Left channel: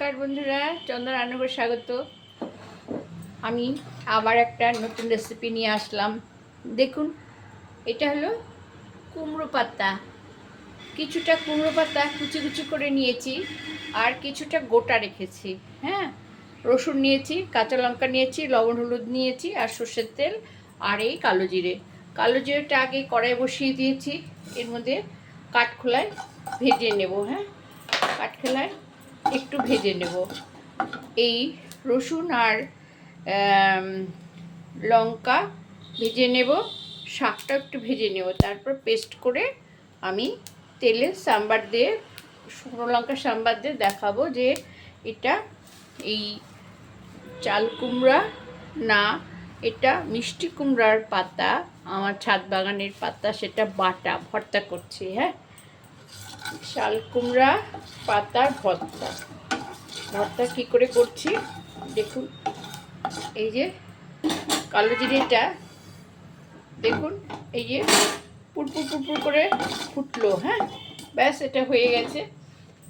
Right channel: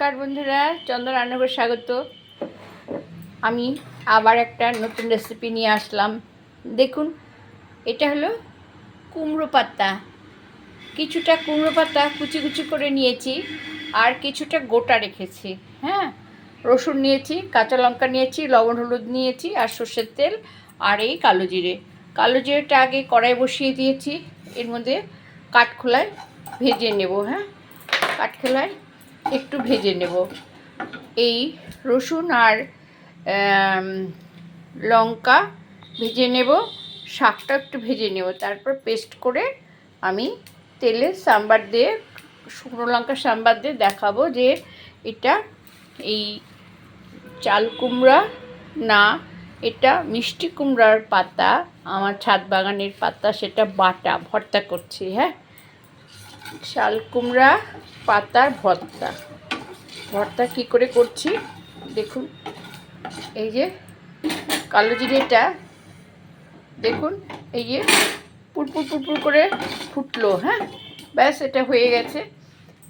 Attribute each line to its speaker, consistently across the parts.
Speaker 1: নমস্কার বন্ধুরা চন্দ্র রান্নাঘর স্বাগত। আমি আবার একটা নতুন রেসিপি নিয়ে আসলাম। দেখুন, এটা হলো কুমড়ো পাতা। কিছুটা কুমড়ো পাতা কুচি কুচি করে নিয়েছি আর কিছুটা গোটা রেখেছি। হ্যাঁ রসুন নিয়েছি, কাঁচা লঙ্কা নিয়েছি, লবণ হলুদ নিয়েছি আর সর্ষের তেল আর এই কালো জিরে। কালো জিরেটা আগে কড়াই বসিয়ে দিয়েছি, এর মধ্যে কাঠখোলায় ভেজে নেব। হ্যাঁ কাঠখোলায় একটু ভেজে নেব। এই রসুন আর লঙ্কা ভেজে নেব। শাকটা একটু ভেজে নেব। তারপর পেস্ট করে আমি তেলে সাম্বার দিয়ে, শুকনো লঙ্কা সাম্বার দিয়ে দেখাবো যে এটা এই চাল কুমড়া না, এটা মিষ্টি কুমড়ার পাতা, আমার ছাদ বাগানের পাতা, সেটা বাটা, ভর্তা করছি হ্যাঁ? শাল কুমড়া পাতার ভর্তা। ভর্তা কি করে করছি? দেখুন, এই যে কালো জিরেটা, দেখুন, এই যে পুরপুর পুরপুর করে ফুটলো হ্যাঁ? ব্যাস, এটা হয়ে গেছে।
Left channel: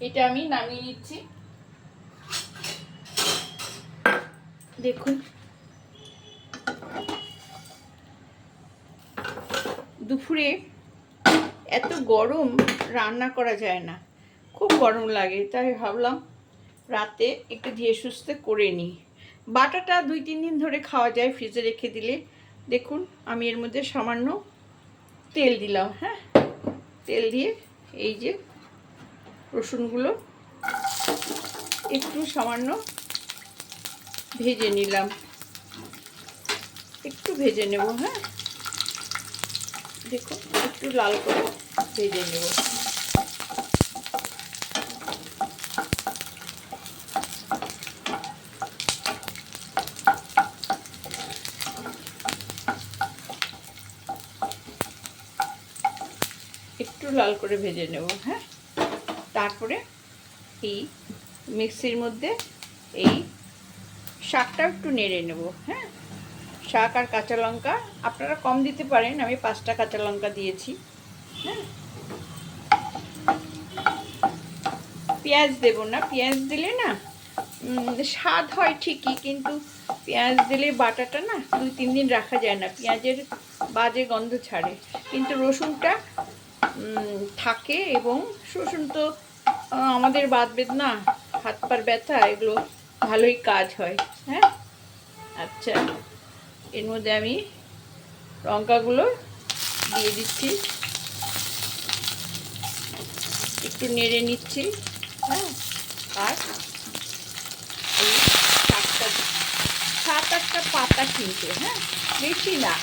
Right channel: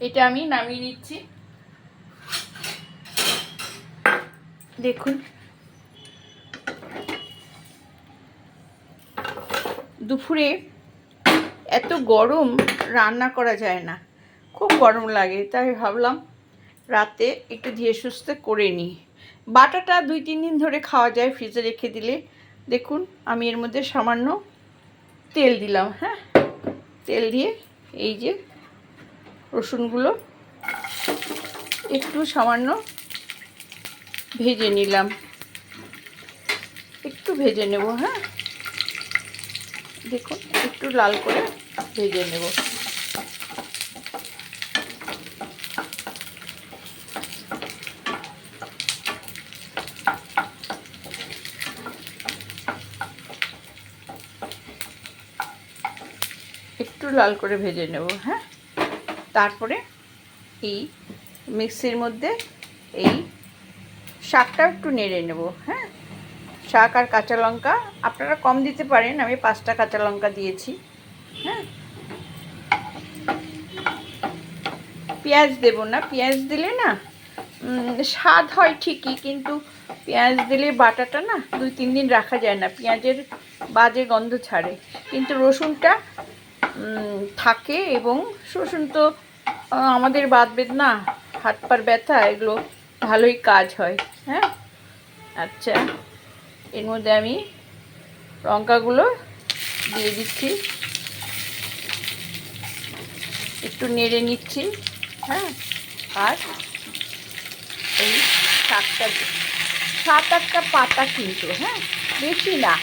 Speaker 1: এটা আমি নামিয়ে দিচ্ছি দেখুন, দুপুরে এত গরম রান্না করা যায় না। খুব গরম লাগে, তাই ভাবলাম রাতে একটু ধীরে সুস্থে করে নিই। বাটাটা দুই, তিন দিন ধরে খাওয়া যায় ফ্রিজে রেখে দিলে। দেখুন, আমি এর মধ্যে সামান্য তেল দিলাম হ্যাঁ? তেল দিয়ে এই যে রসুনগুলো একটু সামান্য ভেজে নিলাম। একটু ভেজে নেব হ্যাঁ? দেখুন, একটু লাল করে ভেজে নেব। একটু লাল করে ভেজে নেব হ্যাঁ? তারপরে এই মিক্সির মধ্যে এই শাকটা একটু নেড়ে নেব হ্যাঁ? শাক আর কাঁচা লঙ্কা আপনারা কম দিতে পারেন, আমি পাঁচটা কাঁচা লঙ্কা দিয়েছি হ্যাঁ? পেঁয়াজ দেব না। পেঁয়াজ দিলে না স্বাদ হয় ঠিকই, কিন্তু পেঁয়াজ দিলে বাটাটা না দুই, তিন দিন রাখা যায় না, পেঁয়াজের বাজে গন্ধ ছাড়ে। কিন্তু রসুনটা থাকে এবং রসুন তো আমাদের বাদ বেদ না, হাত পার ব্যথা, এগুলো ভালোই কাজ হয় হ্যাঁ? আচ্ছা এর মধ্যে আমি লঙ্কাগুলো দিয়ে দিচ্ছি। একটু নেড়ে নিচ্ছি। হ্যাঁ? আর এই দি- সাত আটটা পাতা কিন্তু হ্যাঁ? বেশি না।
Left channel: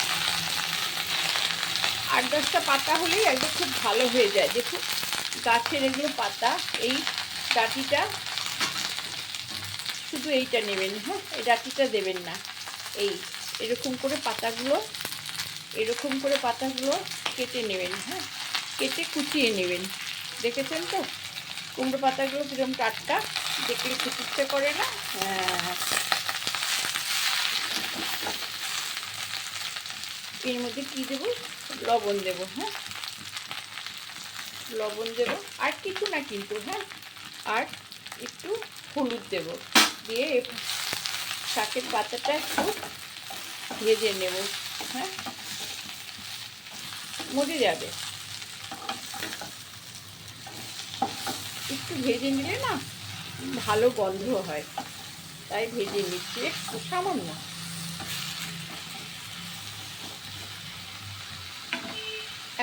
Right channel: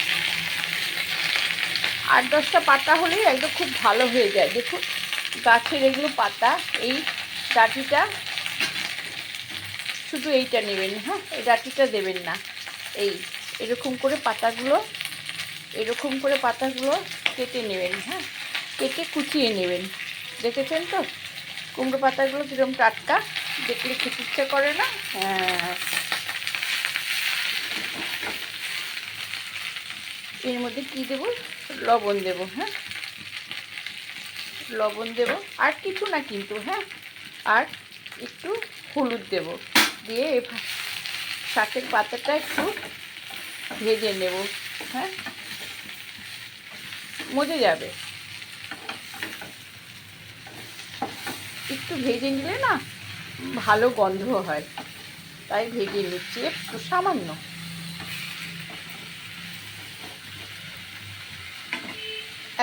Speaker 1: আট দশটা পাতা হলেই একদম খুব ভালো হয়ে যায়। দেখুন, গাছের এগুলো পাতা, এই ডাঁটিটা শুধু এইটা নেবেন হ্যাঁ? এই ডাঁটিটা দেবেন না। এই, এরকম করে পাতাগুলো, এরকম করে পাতাগুলো কেটে নেবেন হ্যাঁ? কেটে কুচিয়ে নেবেন। দেখেছেন তো? কুমড়ো পাতাগুলো কীরকম টাটকা, দেখলে খেতে ইচ্ছে করে না? হ্যাঁ। এর মধ্যে কি দেবো? লবণ দেবো হ্যাঁ? লবণ দেব, আর কিছু না কিন্তু হ্যাঁ? আর একটু হলুদ দেব, দিয়ে শাকের পাতাটা একটু ভেজে নেব হ্যাঁ? মজে যাবে। একটু ভেজে নিলে না ভালো গন্ধ হয়। তাই ভেজে নিচ্ছি একটু সামান্য।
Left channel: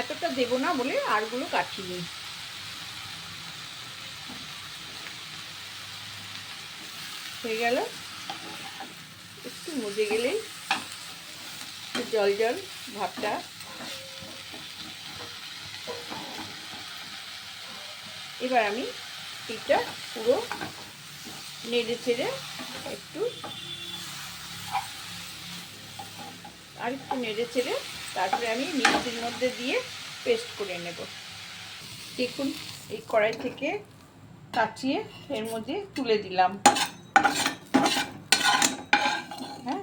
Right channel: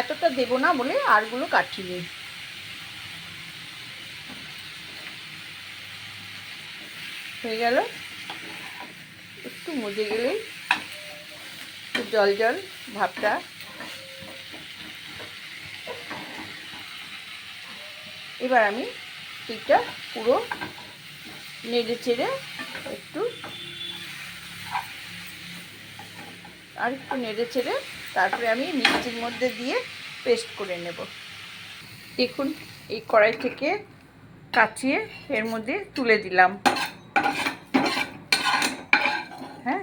Speaker 1: এতটা দেবো না বলে আরগুলো কাটিয়ে হয়ে গেল। একটু মজে গেলেই জল জল ভাবটা এবার আমি এইটা পুরো নেড়ে চেড়ে একটু আর একটু নেড়ে চেড়ে তারপরে আমি মিক্সির মধ্যে দিয়ে পেস্ট করে নেব। দেখুন, এই কড়াই থেকে কাচিয়ে এর মধ্যে তুলে দিলাম। হ্যাঁ?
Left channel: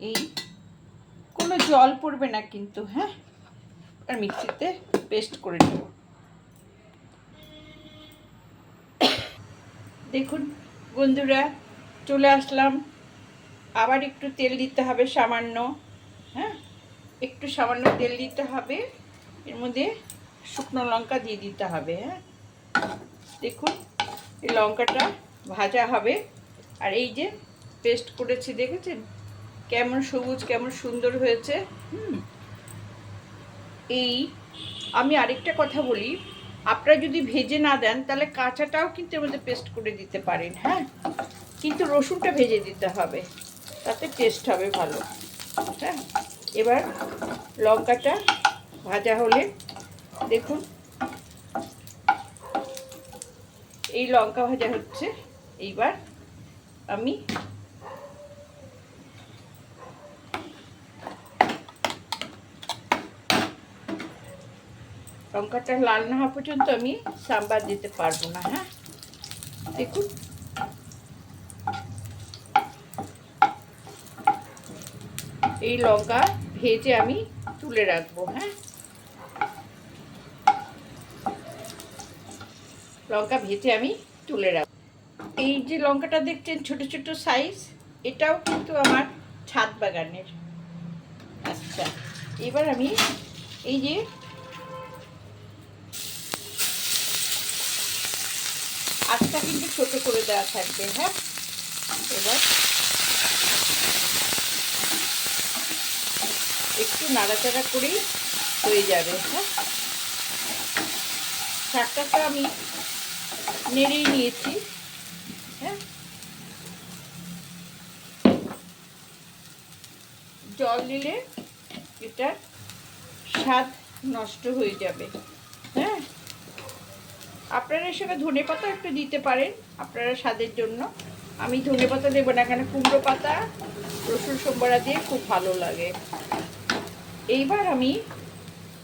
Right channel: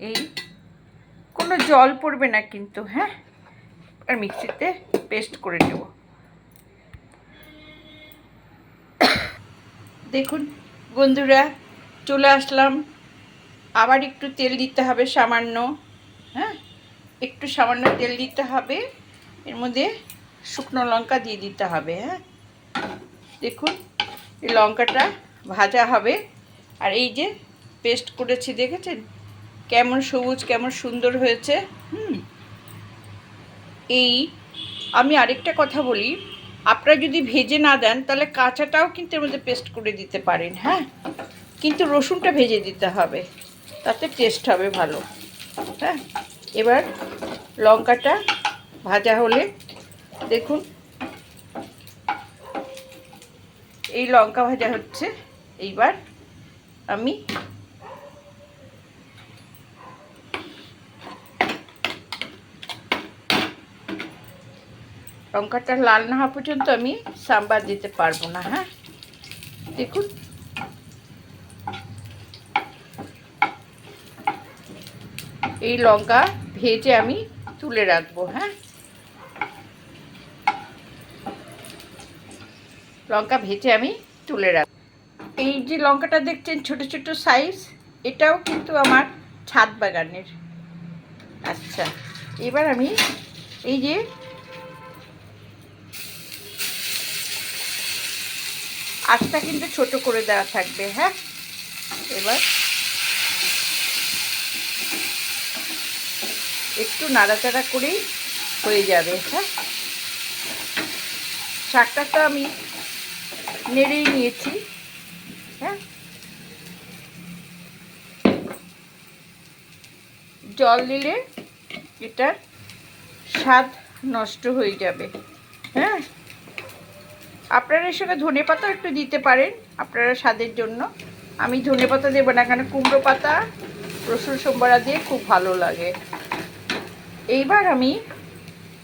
Speaker 1: এই কোনো জল পড়বে না কিন্তু হ্যাঁ? আর মিক্সিতে পেস্ট করে নেব। দেখুন, বন্ধুরা, চলে আসলাম। আবার একটু তেল দিতে হবে সামান্য হ্যাঁ? একটু সামান্য তেল দিতে হবে। এর মধ্যে শুকনো লঙ্কা দিয়ে দিতে হবে হ্যাঁ? দেখুন, এই লঙ্কাটা ভাজা হবে। আর এই যে পেস্ট করেছি, দেখেছেন? কেমন সবুজ, কেমন সুন্দর হয়েছে, হুম? এই, আমি আরেকটা কথা বলি। আপনারা যদি ভেজে না দেন, তাহলে কাঁচাটাও কিন্তু এর মধ্যে পেস্ট করে দিতে পারেন হ্যাঁ? কিন্তু রসুনটা ভেজে দিতে হবে, তাতে টেস্ট হবে ভালো হ্যাঁ? এবার লঙ্কাটা ভাজা হলে দেখুন, এই লঙ্কা ভাজা হচ্ছে, এইবার আমি লঙ্কাটা লাল না হওয়া পর্যন্ত আমি সাম্বার দিতে পারব না হ্যাঁ? দেখুন। এই লঙ্কা ভেজে আমি তুলে রাখব হ্যাঁ? লঙ্কা ভেজে আমি তুলে রাখব। এই যে লঙ্কাটা দেখছেন ছোট ছোট সাইজ এটাও কিন্তু আমার ছাদ বাগানের। আচ্ছা এবার আমি এই যে আঁচটা কিন্তু ছোট করে দেওয়া থাকবে হ্যাঁ? এবার একটু নাড়াচাড়া করেই হয়ে যাবে হ্যাঁ? শাকটা তো আমি নেড়েই নিয়েছি হ্যাঁ? জল দিলে এটার স্বাদ নষ্ট হয়ে যাবে হ্যাঁ? আপনারা এর সঙ্গে ধনে পাতা একটু দিতে পারেন, আপনারা স্বাদের জন্য। আমি ধনে পাতা দেবো না কেন কুমড়ো পাতা, রসুন সোমবারা দিয়ে খুব ভালো লাগে। এইবার আমি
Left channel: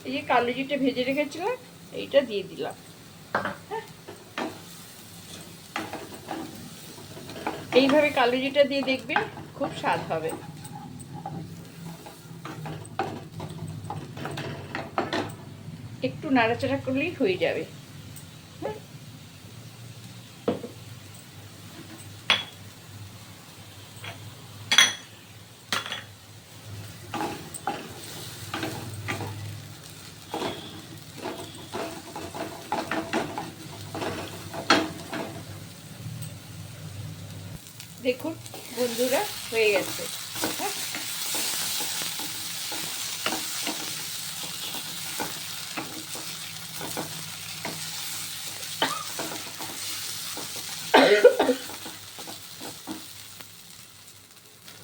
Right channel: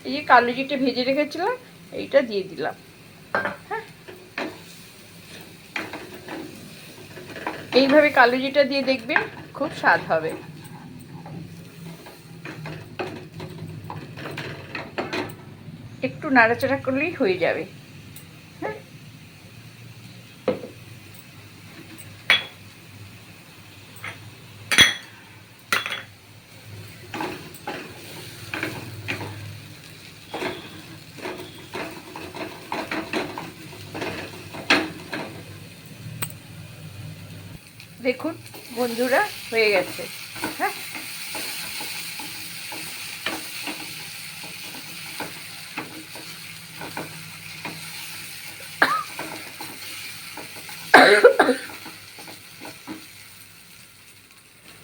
Speaker 1: এই যে কালো জিটে ভেজে রেখেছিলাম, এইটা দিয়ে দিলাম। হ্যাঁ। এইভাবে কালো জিটা দিয়ে দেখবেন খুব স্বাদ হবে। একটু নাড়াচাড়া করলেই হয়ে যাবে। দেখুন বন্ধুরা হয়ে গেছে। হ্যাঁ?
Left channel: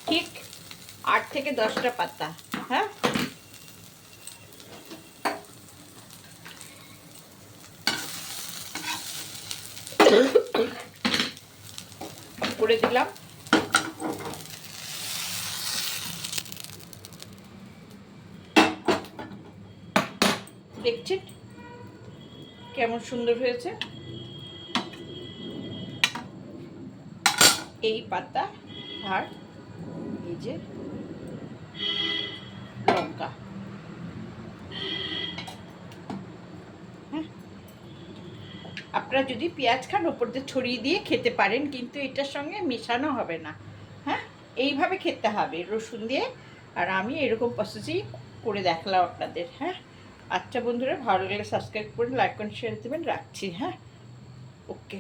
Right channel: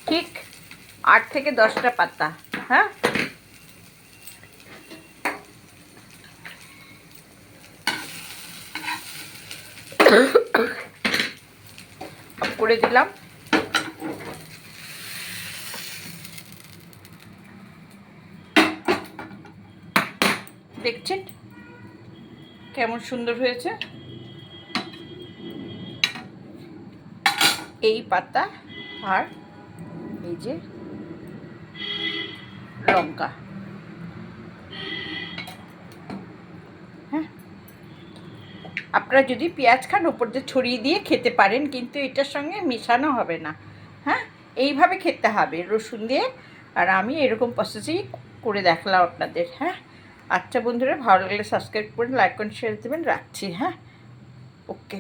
Speaker 1: ঠিক আট থেকে দশটা পাতা হ্যাঁ? করে দিলাম। দেখছেন? কেমন সুন্দর হয়েছে? এই পাতা আর এই যে লঙ্কা। আপনারা যদি পেঁয়াজ খান ওপর দিয়ে ছড়িয়ে দিয়ে খেতে পারেন, কিন্তু এটার সঙ্গে মেশানো হবে না। হ্যাঁ? এইভাবে খেতে হবে। রসুন দিয়ে। আর আমি এরকম প্রসেসেই করে দেখলাম আপনাদের। হ্যাঁ? আচ্ছা বন্ধুরা, ভালো লাগলে সাবস্ক্রাইব করুন লাইক করুন শেয়ার দেবেন। রাখছি। হ্যাঁ? ওকে